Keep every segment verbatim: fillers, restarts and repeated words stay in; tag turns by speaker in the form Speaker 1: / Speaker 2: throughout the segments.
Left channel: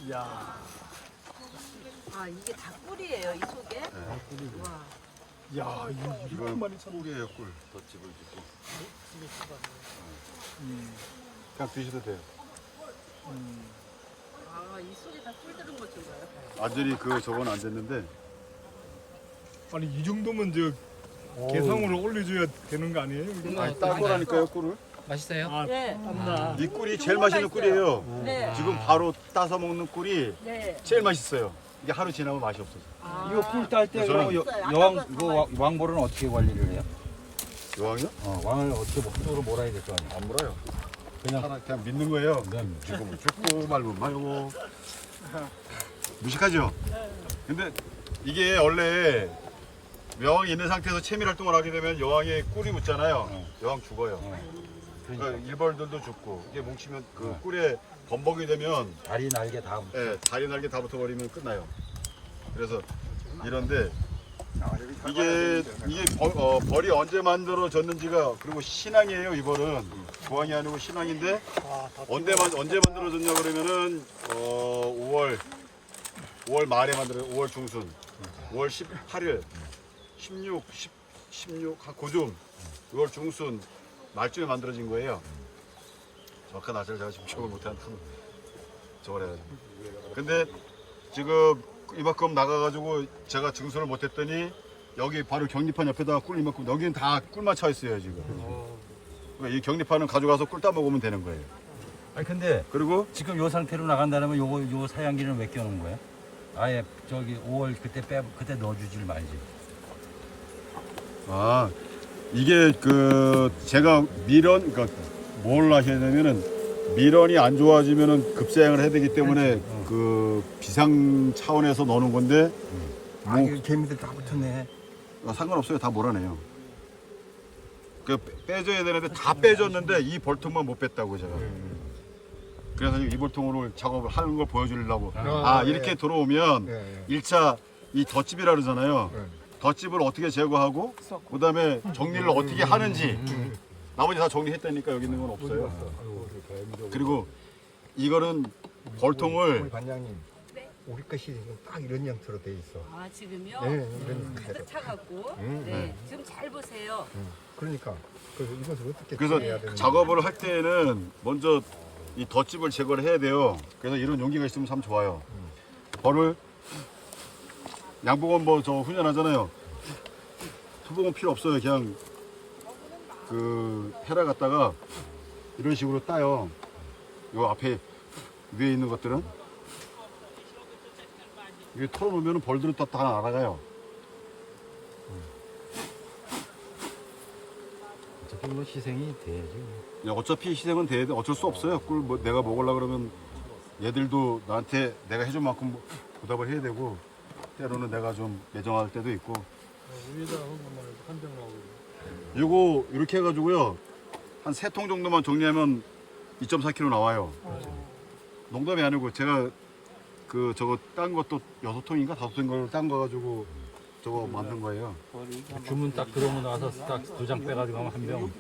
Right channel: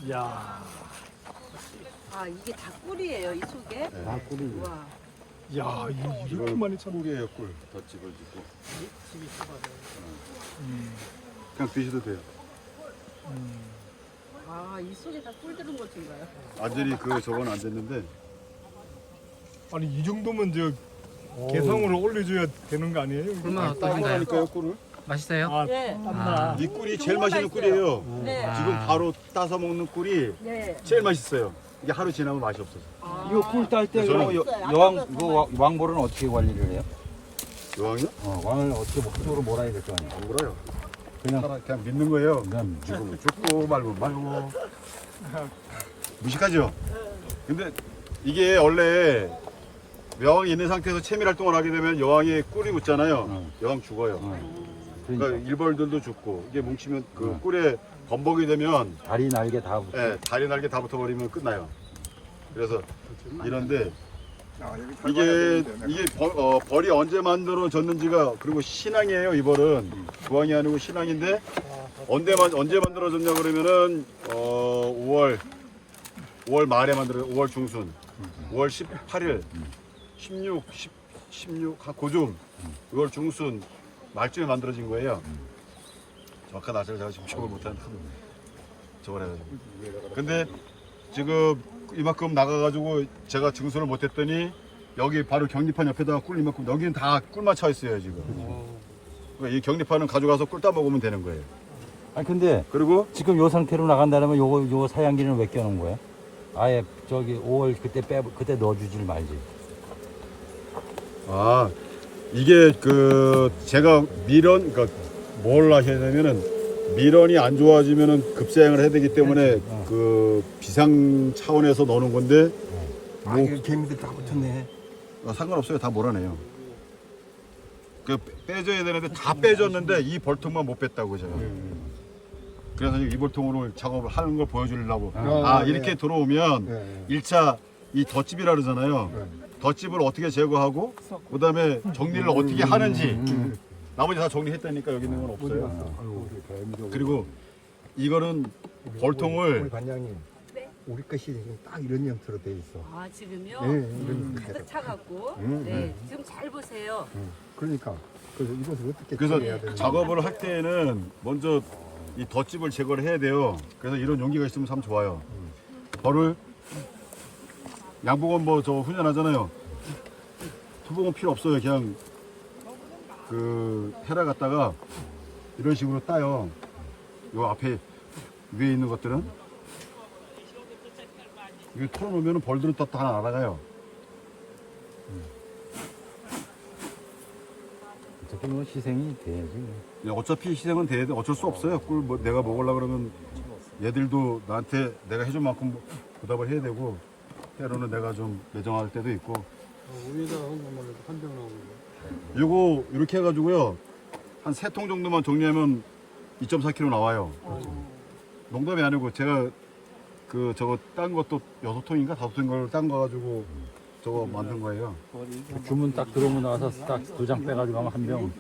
Speaker 1: 야.
Speaker 2: 아 이게 다 꿀이에요 이 속에?
Speaker 3: 네. 아, 꿀이.
Speaker 2: 와.
Speaker 1: 야, 이- 이렇게
Speaker 3: 이건
Speaker 1: 많이 참.
Speaker 3: 꿀이에요, 꿀. 덧집을 주고.
Speaker 1: 음.
Speaker 3: 그냥 드셔도 돼요.
Speaker 1: 음.
Speaker 2: 아이 속에 다 꿀 들은 것 좀 봐요.
Speaker 3: 완전히 그 저건 안 됐는데.
Speaker 1: 아니 이 정도면 저 개성으로 올려줘야 되는 거 아니에요? 이거?
Speaker 4: 음.
Speaker 3: 아니, 딴 거라니까요, 꿀을.
Speaker 4: 맛있어요?
Speaker 1: 아,
Speaker 2: 네.
Speaker 1: 땀나.
Speaker 3: 이 꿀이 제일
Speaker 2: 정말
Speaker 3: 맛있는
Speaker 2: 맛있어요.
Speaker 3: 꿀이에요.
Speaker 2: 네.
Speaker 3: 지금 바로 따서 먹는 꿀이
Speaker 2: 네.
Speaker 3: 제일 맛있어요. 이게 하루 지나면 맛이 없어져.
Speaker 2: 아.
Speaker 5: 이거 꿀 딸 때
Speaker 3: 저는
Speaker 5: 여,
Speaker 2: 있어요.
Speaker 5: 여왕
Speaker 2: 아까
Speaker 5: 이거 왕- 왕볼은 어떻게 관리를 해요?
Speaker 3: 여왕이요?
Speaker 5: 어, 왕을 어떻게 뭐 한쪽으로 몰아야 될 거 아니야?
Speaker 3: 안 물어요.
Speaker 5: 그냥
Speaker 3: 그냥, 그냥 믿는 거예요.
Speaker 5: 그냥
Speaker 3: 죽으면 죽고 말면 말고. 무식하죠? 근데 이게 원래 여왕이 있는 상태에서 체밀 활동을 하게 되면 여왕의 꿀이 묻잖아요.
Speaker 5: 응.
Speaker 3: 여왕 죽어요.
Speaker 5: 어,
Speaker 3: 그러니까
Speaker 5: 그러니까
Speaker 3: 일벌들도 죽고 이게 뭉치면 그
Speaker 5: 응.
Speaker 3: 꿀에 범벅이 되면
Speaker 5: 다리 날개 다 붙어.
Speaker 3: 예, 다리 날개 다 붙어버리면 끝나요. 그래서 이런데 이게 이게 벌, 어, 벌이 언제 만들어졌는지가 그리고 신앙이에요. 이 벌은 조항이 아니고 신앙인데 언제 만 언제 만들어졌냐 그러면은 어, 오월 오월 말에 만들어 오월 중순 오월 십팔일 십육 십, 십육 한 고좀 유월 중순 말쯤에 만들어진 거예요. 정확한 날짜를 제가 지금 기억을 못하는 저걸 해가지고. 근데 지금 이만큼 나가가지고 제가 증수를 못했더니 여기 바로 격리판 옆에다가 꿀 이만큼 여기는 다 꿀만 차 있어요 지금. 그러니까 이 격리판은 가져가서 꿀 따 먹으면 되는 거예요.
Speaker 5: 아니 근데
Speaker 3: 그리고
Speaker 5: 지금 요 상태로 나간다면 요거 요 사양기는 왜 껴놓은 거야? 아예 저기 오월 그때 빼 그때 넣어주질 말지.
Speaker 3: 아 이게 그 제가 밀원 그러니까 뭘 하셔야 되면은 밀원이 안 좋아지면은 급사양을 해야 되기 때문에
Speaker 5: 어.
Speaker 3: 그 비상 차원에서 넣는 건데 뭐
Speaker 5: 아, 개미들 다 붙었네.
Speaker 3: 아, 상관없어요. 다 몰아내요. 그 빼줘야 되는데 다 빼줬는데 이 벌통만 못 뺐다고 제가. 그래서 이 벌통으로 작업을 하는 걸 보여주려고. 아, 이렇게 들어오면 일 차 이 덧집이라 그러잖아요. 덧집을 어떻게 제거하고 그다음에 정리를 어떻게 하는지 나머지 다 정리했다니까 여기 있는 건 없어요. 그리고 이거는 벌통을
Speaker 6: 반장님,
Speaker 2: 네.
Speaker 6: 우리 것이 지금 딱 이런 형태로 돼 있어.
Speaker 2: 아 지금요?
Speaker 6: 네, 이런
Speaker 2: 가득 차갖고.
Speaker 6: 음,
Speaker 2: 네.
Speaker 6: 음.
Speaker 2: 지금 잘 보세요.
Speaker 6: 그러니까 그래서 이것을 어떻게
Speaker 3: 그래서
Speaker 6: 처리해야 되는지.
Speaker 3: 작업을 할 때는 먼저 이 덧집을 제거를 해야 돼요. 그래서 이런 용기가 있으면 참 좋아요. 벌을 양복은 뭐 저 훈련하잖아요. 투복은 필요 없어요. 그냥 그 헤라 갖다가 이런 식으로 따요. 요 앞에 위에 있는 것들은 이게 털어놓으면 벌들은 또 다 날아가요.
Speaker 5: 어차피 뭐 희생이 돼야지.
Speaker 3: 예, 어차피 희생은 돼야 돼. 어쩔 수 없어요. 꿀 뭐 내가 먹으려고 그러면 얘들도 나한테 내가 해준 만큼 보답을 해야 되고 때로는 내가 좀 매정할 때도 있고.
Speaker 1: 우리나라 한번 한병 나오고.
Speaker 3: 이거 이렇게 해가지고요 한 세 통 정도만 정리하면 이 점 사 킬로그램 나와요. 농담이 아니고 제가 그 저거 딴 것도 여섯 통인가 다섯 통인 걸 딴 거 가지고 저거 만든 거예요.
Speaker 5: 주문 딱 들어오고 나서 딱 두 장 빼가지고 가면 한 병.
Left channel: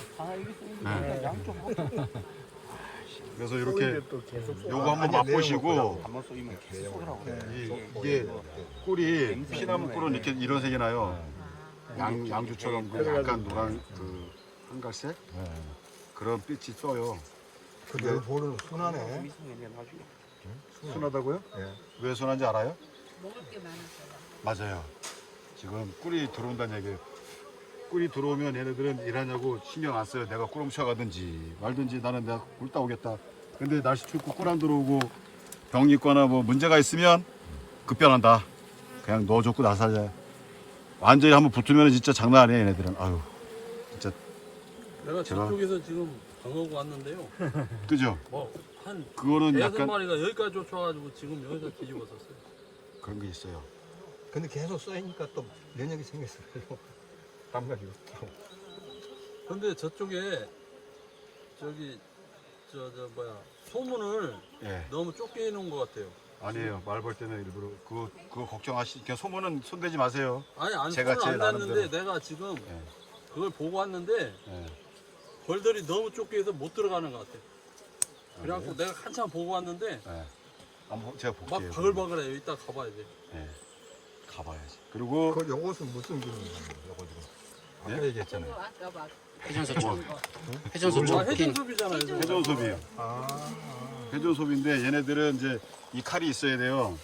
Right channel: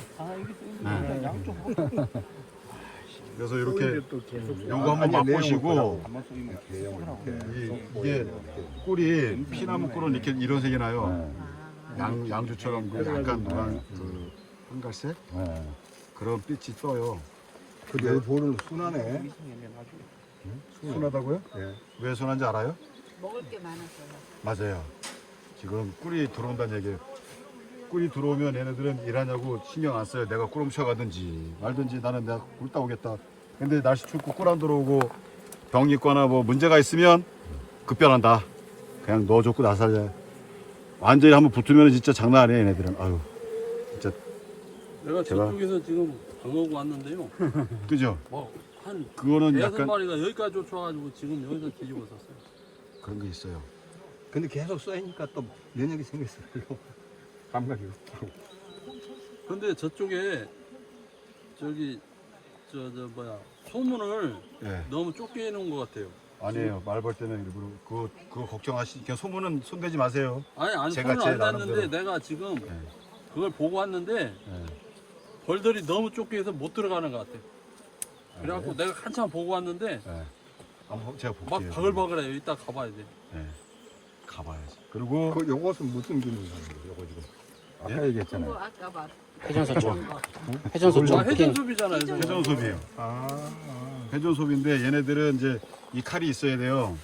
Speaker 3: 네. 그래서 이렇게 요거 한번
Speaker 6: 아니,
Speaker 3: 맛보시고
Speaker 6: 내용을
Speaker 3: 이, 이게 꿀이 피나무 꿀은 이렇게 이런 색이 나요. 양 양주처럼 그 약간 노란 그 한갈색
Speaker 5: 네.
Speaker 3: 그런 빛이 떠요.
Speaker 6: 그내 볼은 순하네.
Speaker 3: 순하다고요?
Speaker 6: 네.
Speaker 3: 왜 순한지 알아요?
Speaker 2: 먹을 게 많아서요.
Speaker 3: 맞아요. 지금 꿀이 들어온다는 얘기예요. 꿀이 들어오면 얘네들은 일하냐고 신경 안 써요. 내가 꿀 훔쳐가든지 말든지 나는 내가 꿀 따오겠다. 근데 날씨 춥고 꿀 안 들어오고 병 있거나 뭐 문제가 있으면 급변한다. 그냥 넣어줬고 나살자. 완전히 한번 붙으면 진짜 장난 아니에요. 얘네들은. 아유 진짜
Speaker 7: 내가
Speaker 3: 제가-
Speaker 7: 저쪽에서 지금 방어구 왔는데요.
Speaker 3: 그죠?
Speaker 7: 뭐한
Speaker 3: 그거는
Speaker 7: 여섯
Speaker 3: 약간
Speaker 7: 마리가 여기까지 쫓아와가지고 지금 여기서 뒤집어졌어요.
Speaker 3: 그런 게 있어요.
Speaker 6: 근데 계속 쏘이니까 또 면역이 생겼어요. 반말이요.
Speaker 7: 근데 저쪽에 저기 저 저 뭐야 소문을
Speaker 3: 예.
Speaker 7: 너무 좁게 해놓은 것 같아요.
Speaker 3: 아니에요. 말 볼 때는 일부러 그거 그거 걱정하시. 그냥 소문은 손대지 마세요.
Speaker 7: 아니 아니
Speaker 3: 제가
Speaker 7: 소문
Speaker 3: 제
Speaker 7: 안 났는데
Speaker 3: 나름대로.
Speaker 7: 내가 지금
Speaker 3: 예.
Speaker 7: 그걸 보고 왔는데
Speaker 3: 예.
Speaker 7: 벌들이 너무 좁게 해서 못 들어가는 것 같아.
Speaker 3: 아,
Speaker 7: 그래갖고 내가 한참 보고 왔는데
Speaker 3: 예. 한번 제가
Speaker 7: 막
Speaker 3: 볼게요.
Speaker 7: 바글바글해요. 이따 가봐야 돼.
Speaker 3: 네. 가봐야지. 그리고
Speaker 6: 그 요것은 무슨 기능이에요? 요거 지금. 아까
Speaker 3: 예?
Speaker 2: 그거
Speaker 6: 얘기했잖아요.
Speaker 2: 아까 봐.
Speaker 4: 회전소총.
Speaker 7: 아,
Speaker 4: 회전소총.
Speaker 7: 회전수비잖아요.
Speaker 2: 회전-
Speaker 3: 회전소비예요.
Speaker 6: 아,
Speaker 3: 회전소비인데 얘네들은 이제 이 칼이 있어야 돼요.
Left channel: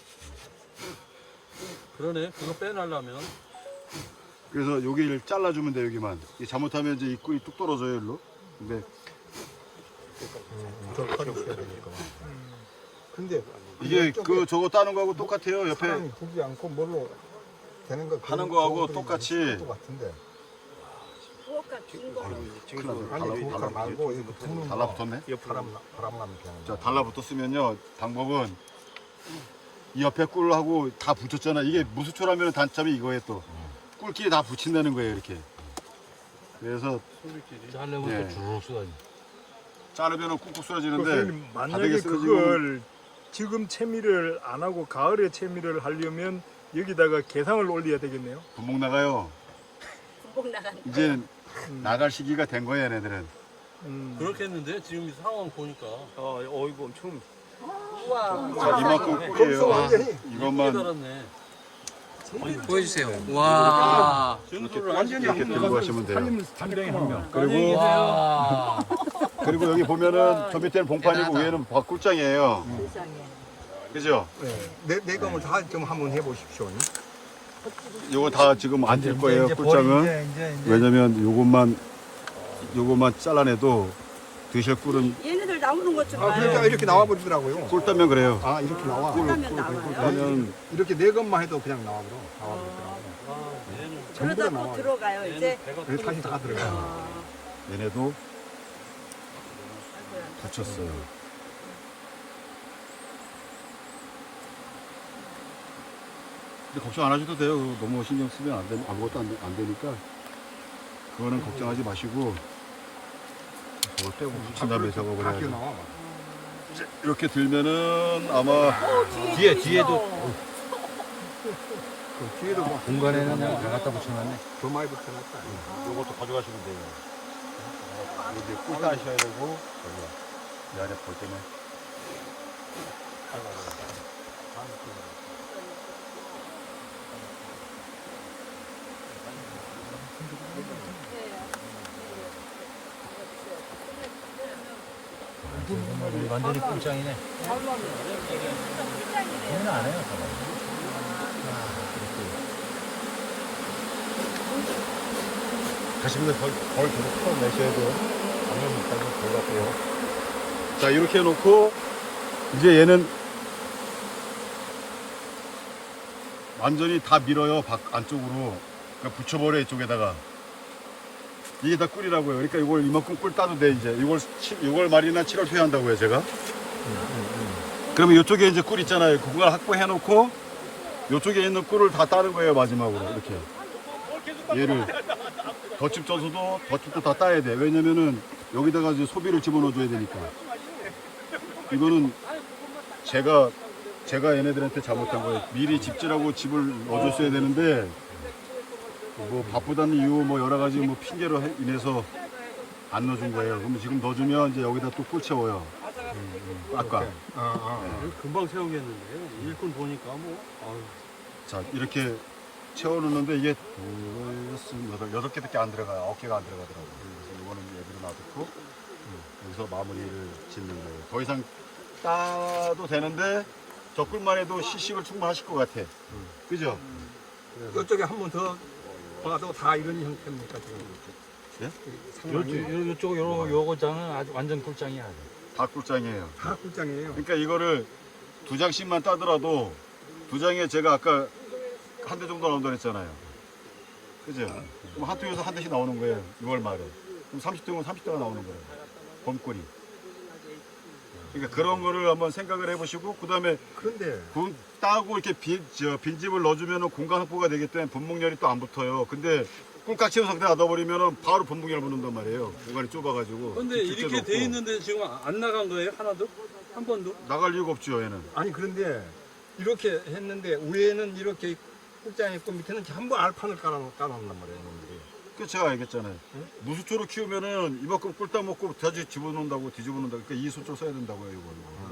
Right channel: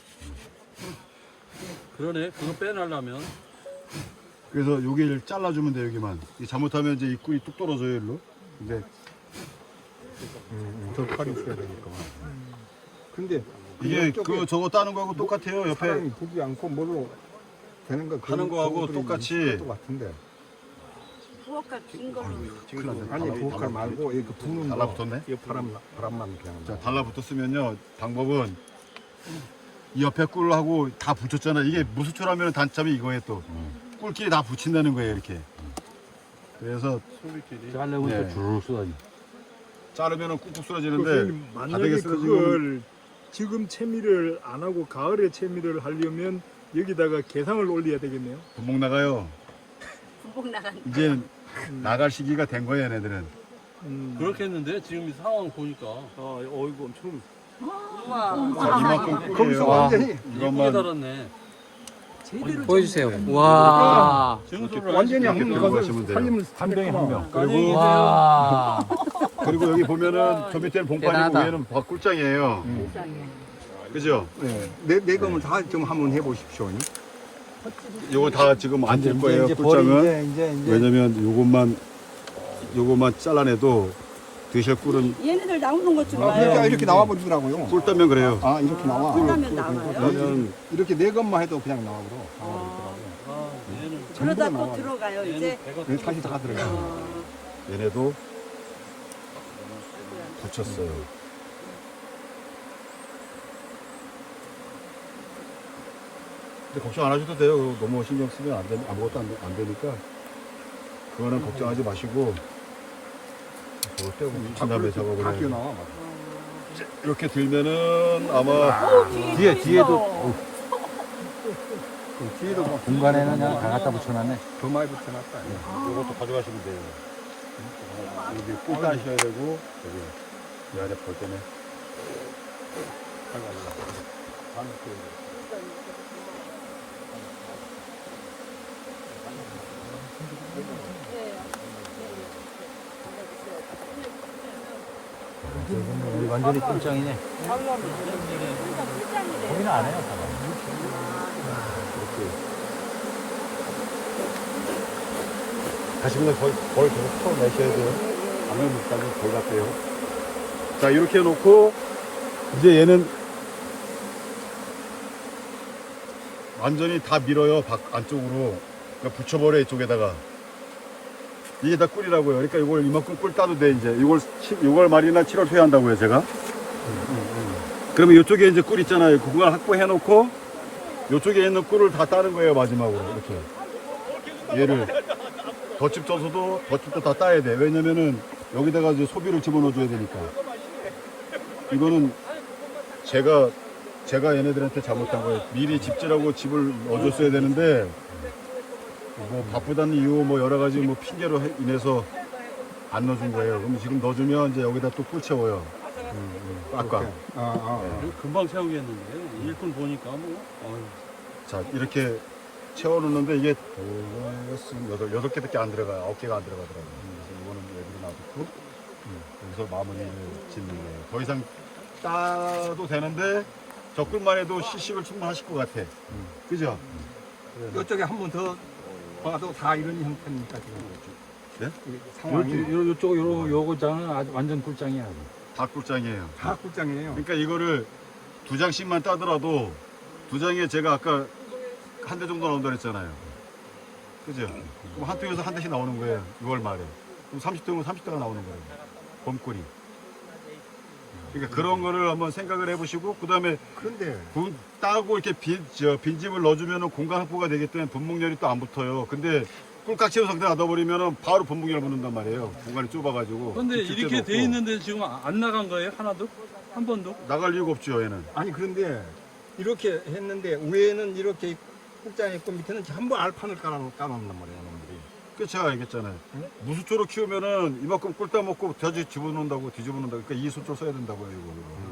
Speaker 7: 그러네. 그거 빼내려면.
Speaker 3: 그래서 여기를 잘라주면 돼 여기만. 이 잘못하면 이제 이 꿀이 뚝 떨어져요 일로. 근데
Speaker 6: 음, 저 칼이 있어야 되니까. 근데
Speaker 3: 이게
Speaker 6: 이쪽에
Speaker 3: 그 저거 따는 거하고 똑같아요. 옆에
Speaker 6: 사람이 보지 않고 뭐로 되는 거
Speaker 3: 하는 거하고 똑같이.
Speaker 6: 똑같은데.
Speaker 2: 부엌가 긴 거는
Speaker 3: 큰일 났네.
Speaker 6: 아니
Speaker 3: 달라-
Speaker 6: 그거
Speaker 3: 달라-
Speaker 6: 말고 이렇게 부는 거.
Speaker 3: 달라붙었네.
Speaker 6: 바람 바람만 되는
Speaker 3: 자
Speaker 6: 거.
Speaker 3: 달라붙었으면요 방법은 이 옆에 꿀하고 다 붙였잖아. 이게 무수초라면 단점이 이거예요 또. 꿀끼리 다 붙인다는 거예요 이렇게. 그래서
Speaker 5: 잘려고
Speaker 3: 네.
Speaker 5: 또 주르륵 쏟아지.
Speaker 3: 자르면은 꾹꾹 쓰러지는데
Speaker 1: 그걸
Speaker 3: 바닥에
Speaker 1: 만약에
Speaker 3: 쓰러지면
Speaker 1: 그걸 지금 채미를 안 하고 가을에 채미를 하려면 여기다가 개상을 올려야 되겠네요.
Speaker 3: 분목 나가요.
Speaker 2: 부엌 나간.
Speaker 3: 이제
Speaker 1: 음.
Speaker 3: 나갈 시기가 된 거예요 얘네들은.
Speaker 1: 음.
Speaker 7: 그렇게 했는데 지금 이 상황 보니까
Speaker 1: 어, 어 이거 엄청
Speaker 2: 우와.
Speaker 3: 자 이만큼
Speaker 6: 거기서
Speaker 3: 꿀이에요.
Speaker 4: 와.
Speaker 6: 완전히
Speaker 7: 이쁘게
Speaker 3: 이것만
Speaker 7: 달았네.
Speaker 4: 보여주세요. 와.
Speaker 7: 증소를
Speaker 6: 완전히
Speaker 3: 이렇게
Speaker 6: 한
Speaker 3: 들고 가시면 돼요.
Speaker 6: 한 입을
Speaker 5: 한 병에 한 병.
Speaker 7: 안녕히
Speaker 3: 그리고
Speaker 7: 계세요.
Speaker 5: 와.
Speaker 3: 그리고 여기 보면은 저 밑에는 봉판이고
Speaker 4: 대단하다.
Speaker 3: 위에는 꿀장이에요.
Speaker 2: 세상에.
Speaker 3: 그죠?
Speaker 6: 네, 네 검을 다 좀 한번 해보십시오.
Speaker 3: 요거 다 지금 안 될
Speaker 5: 이제-
Speaker 3: 거예요
Speaker 5: 이제
Speaker 3: 꿀장은.
Speaker 5: 버리- 이제- 이제- 이제
Speaker 3: 왜냐면 요것만 요것만 잘라내도 드실 꿀은
Speaker 2: 얘네들 나오는 것 좀
Speaker 6: 그러니까
Speaker 2: 봐요.
Speaker 6: 이렇게 나와버리더라고요.
Speaker 3: 꿀 따면 그래요.
Speaker 6: 아 이렇게 나와.
Speaker 2: 꿀라면 나와요.
Speaker 3: 그러면
Speaker 6: 이렇게 네 검만 해도 그냥 나와버려.
Speaker 2: 어,
Speaker 7: 아, 얘는
Speaker 2: 그러다
Speaker 6: 전부 다
Speaker 2: 또 들어가요.
Speaker 7: 얘는
Speaker 2: 이제
Speaker 7: 배가
Speaker 6: 그래서 다시 다 들어가.
Speaker 2: 어,
Speaker 3: 얘네도 붙였어요. 근데 걱정 안 하셔도 돼요. 그거 너무 신경 쓰면 안 되, 아무것도 안, 되- 안 되니까 그거는 걱정하지 마시고 그걸 빼고 붙인 다음에 작업을
Speaker 6: 다
Speaker 3: 해야죠.
Speaker 6: 나와.
Speaker 3: 이렇게 들면은 아마 뒤에 뒤에도
Speaker 6: 뒤에도 뭐
Speaker 5: 공간에는 그냥 다 갖다 붙여놨네.
Speaker 6: 더 많이 붙여놨다.
Speaker 3: 이것도 가져가시면 돼요. 여기 꿀 따셔야 되고 여기 이 안에 볼 때는
Speaker 5: 우리 완전히 꿀장이네.
Speaker 3: 가시면 벌, 벌 계속 풀어내셔야 돼요. 방을 못 가고 벌 같대요. 자, 이렇게 해놓고, 이제 얘는 완전히 다 밀어요. 밖, 안쪽으로. 그러니까 붙여버려, 이쪽에다가. 이게 다 꿀이라고요. 그러니까 이걸 이만큼 꿀 따도 돼, 이제. 이걸, 이걸 말이나 칠월 초에 한다고요, 제가. 그러면 이쪽에 이제 꿀 있잖아요. 그걸 확보해놓고, 이쪽에 있는 꿀을 다 따는 거예요, 마지막으로. 이렇게. 얘를. 덧집 쪄서도 덧집도 다 따야 돼. 왜냐면은 여기다가 이제 소비를 집어넣어줘야 되니까. 이거는 제가 제가 얘네들한테 잘못한 거예요. 미리 집지라고 집을 넣어줬어야 되는데 뭐 바쁘다는 이유 뭐 여러 가지 뭐 핑계로 해- 인해서 안 넣어준 거예요. 그럼 지금 넣어주면 이제 여기다 또 꿀 채워요. 아까.
Speaker 6: 아, 아.
Speaker 3: 네.
Speaker 7: 금방 채우겠는데 일등 보니까 뭐. 아유.
Speaker 3: 자 이렇게 채워놓는데 이게 둘, 여덟, 여덟 개밖에 안 들어가요. 아홉 개가 안 들어가더라고요. 그래서 이거는 여기로 놔두고 여기서 마무리를 짓는 거예요. 더 이상 따도 되는데 저 꿀만 해도 시식을 충분하실 것 같아. 그죠?
Speaker 6: 이쪽에 한 번 더 봐도 다 이런 형태니까 지금.
Speaker 3: 네?
Speaker 6: 이
Speaker 5: 요,
Speaker 6: 상황이
Speaker 5: 요, 요쪽 요 요거잖아. 아주 완전 꿀장이야. 아주.
Speaker 3: 다 꿀장이에요.
Speaker 6: 다 꿀장이에요.
Speaker 3: 그러니까 이거를 두 장씩만 따더라도 두 장에 제가 아까 한 대 정도 나온다 그랬잖아요. 그죠? 그럼 한 통에서 한 대씩 나오는 거예요. 유월 말에. 그럼 삼십 통은 삼십 대가 나오는 거예요. 봄꿀이. 그러니까 그런 거를 한번 생각을 해보시고 그 다음에
Speaker 6: 그런데
Speaker 3: 따고 이렇게 빈, 저, 빈집을 넣어주면 공간 확보가 되기 때문에 분목열이 또 안 붙어요. 근데 꿀깍 채운 상태에 놔둬버리면 바로 분목열 붙는단 말이에요. 공간이 좁아가지고.
Speaker 7: 근데
Speaker 3: 깊을
Speaker 7: 이렇게
Speaker 3: 때도
Speaker 7: 돼
Speaker 3: 없고.
Speaker 7: 있는데 지금 안 나간 거예요? 하나도? 한 번도?
Speaker 3: 나갈 이유가 없죠, 얘는.
Speaker 6: 아니 그런데 이렇게 했는데 위에는 이렇게 꿀장이 있고 밑에는 전부 알판을 깔아, 깔아놓는 말이에요. 놈들이.
Speaker 3: 그 제가 얘기했잖아요. 무수초로 키우면은 이만큼 꿀 따먹고 돼지 집어넣는다고 뒤집어놓는다고. 그러니까 이 수초 써야 된다고요, 이거. 이거.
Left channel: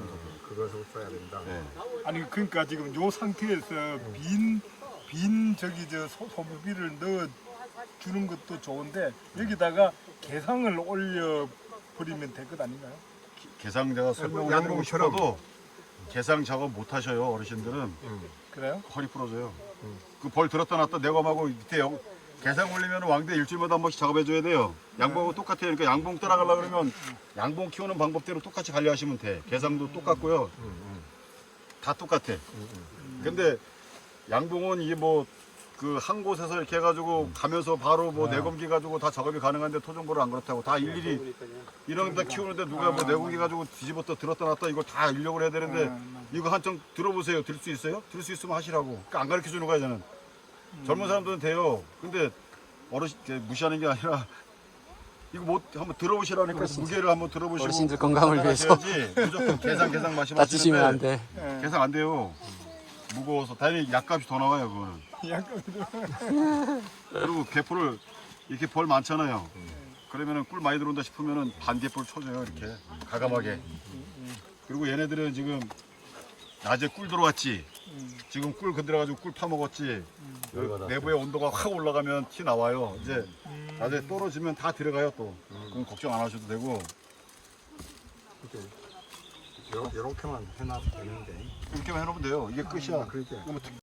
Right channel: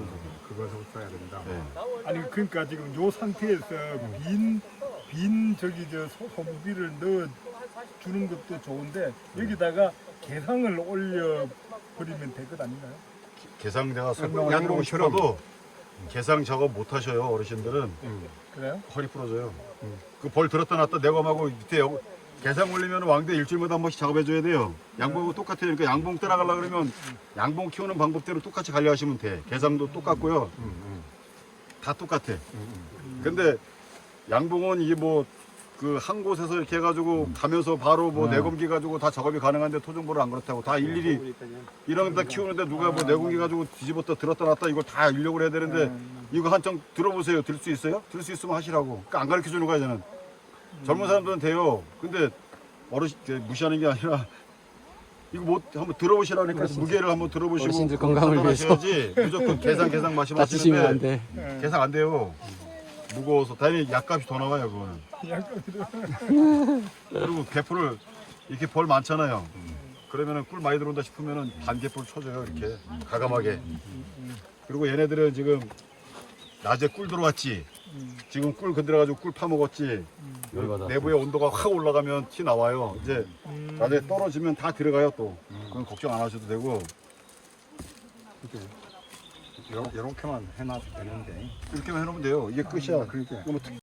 Speaker 6: 그것을 써야 된다.
Speaker 3: 예.
Speaker 1: 아니 그러니까 지금 요 상태에서 빈, 빈 저기 저 소- 소금비를 넣어 주는 것도 좋은데 여기다가 개상을 올려 버리면 될 것 아닌가요?
Speaker 3: 개상 제가 설명을
Speaker 6: 양봉
Speaker 3: 해드리고
Speaker 6: 처럼.
Speaker 3: 싶어도 개상 작업 못 하셔요 어르신들은.
Speaker 6: 음.
Speaker 1: 그래요?
Speaker 3: 허리 부러져요.
Speaker 6: 음.
Speaker 3: 그 벌 들었다 놨다 내검하고 밑에 여- 개상 올리면 왕대 일주일마다 한 번씩 작업해줘야 돼요. 양봉하고 똑같아요. 그러니까 양봉 따라가려 그러면 양봉 키우는 방법대로 똑같이 관리하시면 돼. 개상도 똑같고요.
Speaker 6: 음, 음,
Speaker 3: 다 똑같아.
Speaker 6: 음, 음.
Speaker 3: 근데 양봉은 이게 뭐 그 한 곳에서 이렇게 해가지고 가면서 바로 뭐 내검기 가지고 다 작업이 가능한데 토종벌은 안 그렇다고 다 일일이 이런 데 키우는데 누가 뭐 내검기 가지고 뒤집었다 들었다 놨다 이걸 다 인력을 해야 되는데 이거 한정 들어보세요. 들 수 있어요? 들 수 있으면 하시라고. 그러니까 안 가르쳐 주는 거야 저는. 젊은 사람들은 돼요. 근데 어르신 이렇게 무시하는 게 아니라 이거 뭐 한번 들어보시라니까 무게를 한번 들어보시고
Speaker 4: 어르신들 건강을 위해서.
Speaker 3: 판단하셔야지. 무조건 계산 계산
Speaker 4: 다치시면 안
Speaker 3: 말씀하시는데
Speaker 4: 돼.
Speaker 3: 계산 안 돼요. 무거워서 다행히 약값이 더 나와요 그거는. 그리고 개포를 이렇게 벌 많잖아요. 그러면은 꿀 많이 들어온다 싶으면은 반개포를 쳐줘요 이렇게 가감하게. 그리고 얘네들은 지금 낮에 꿀 들어왔지. 지금 꿀 건드려가지고 꿀 파먹었지. 내부의 온도가 확 올라가면 티 나와요. 이제 낮에 떨어지면 다 들어가요 또. 그건 걱정 안 하셔도 되고.
Speaker 6: 요렇게만 해놔도 되는데.
Speaker 3: 이렇게만 해놓으면 돼요. 이게 끝이야.
Speaker 6: 그러니까.
Speaker 3: 이거 뭐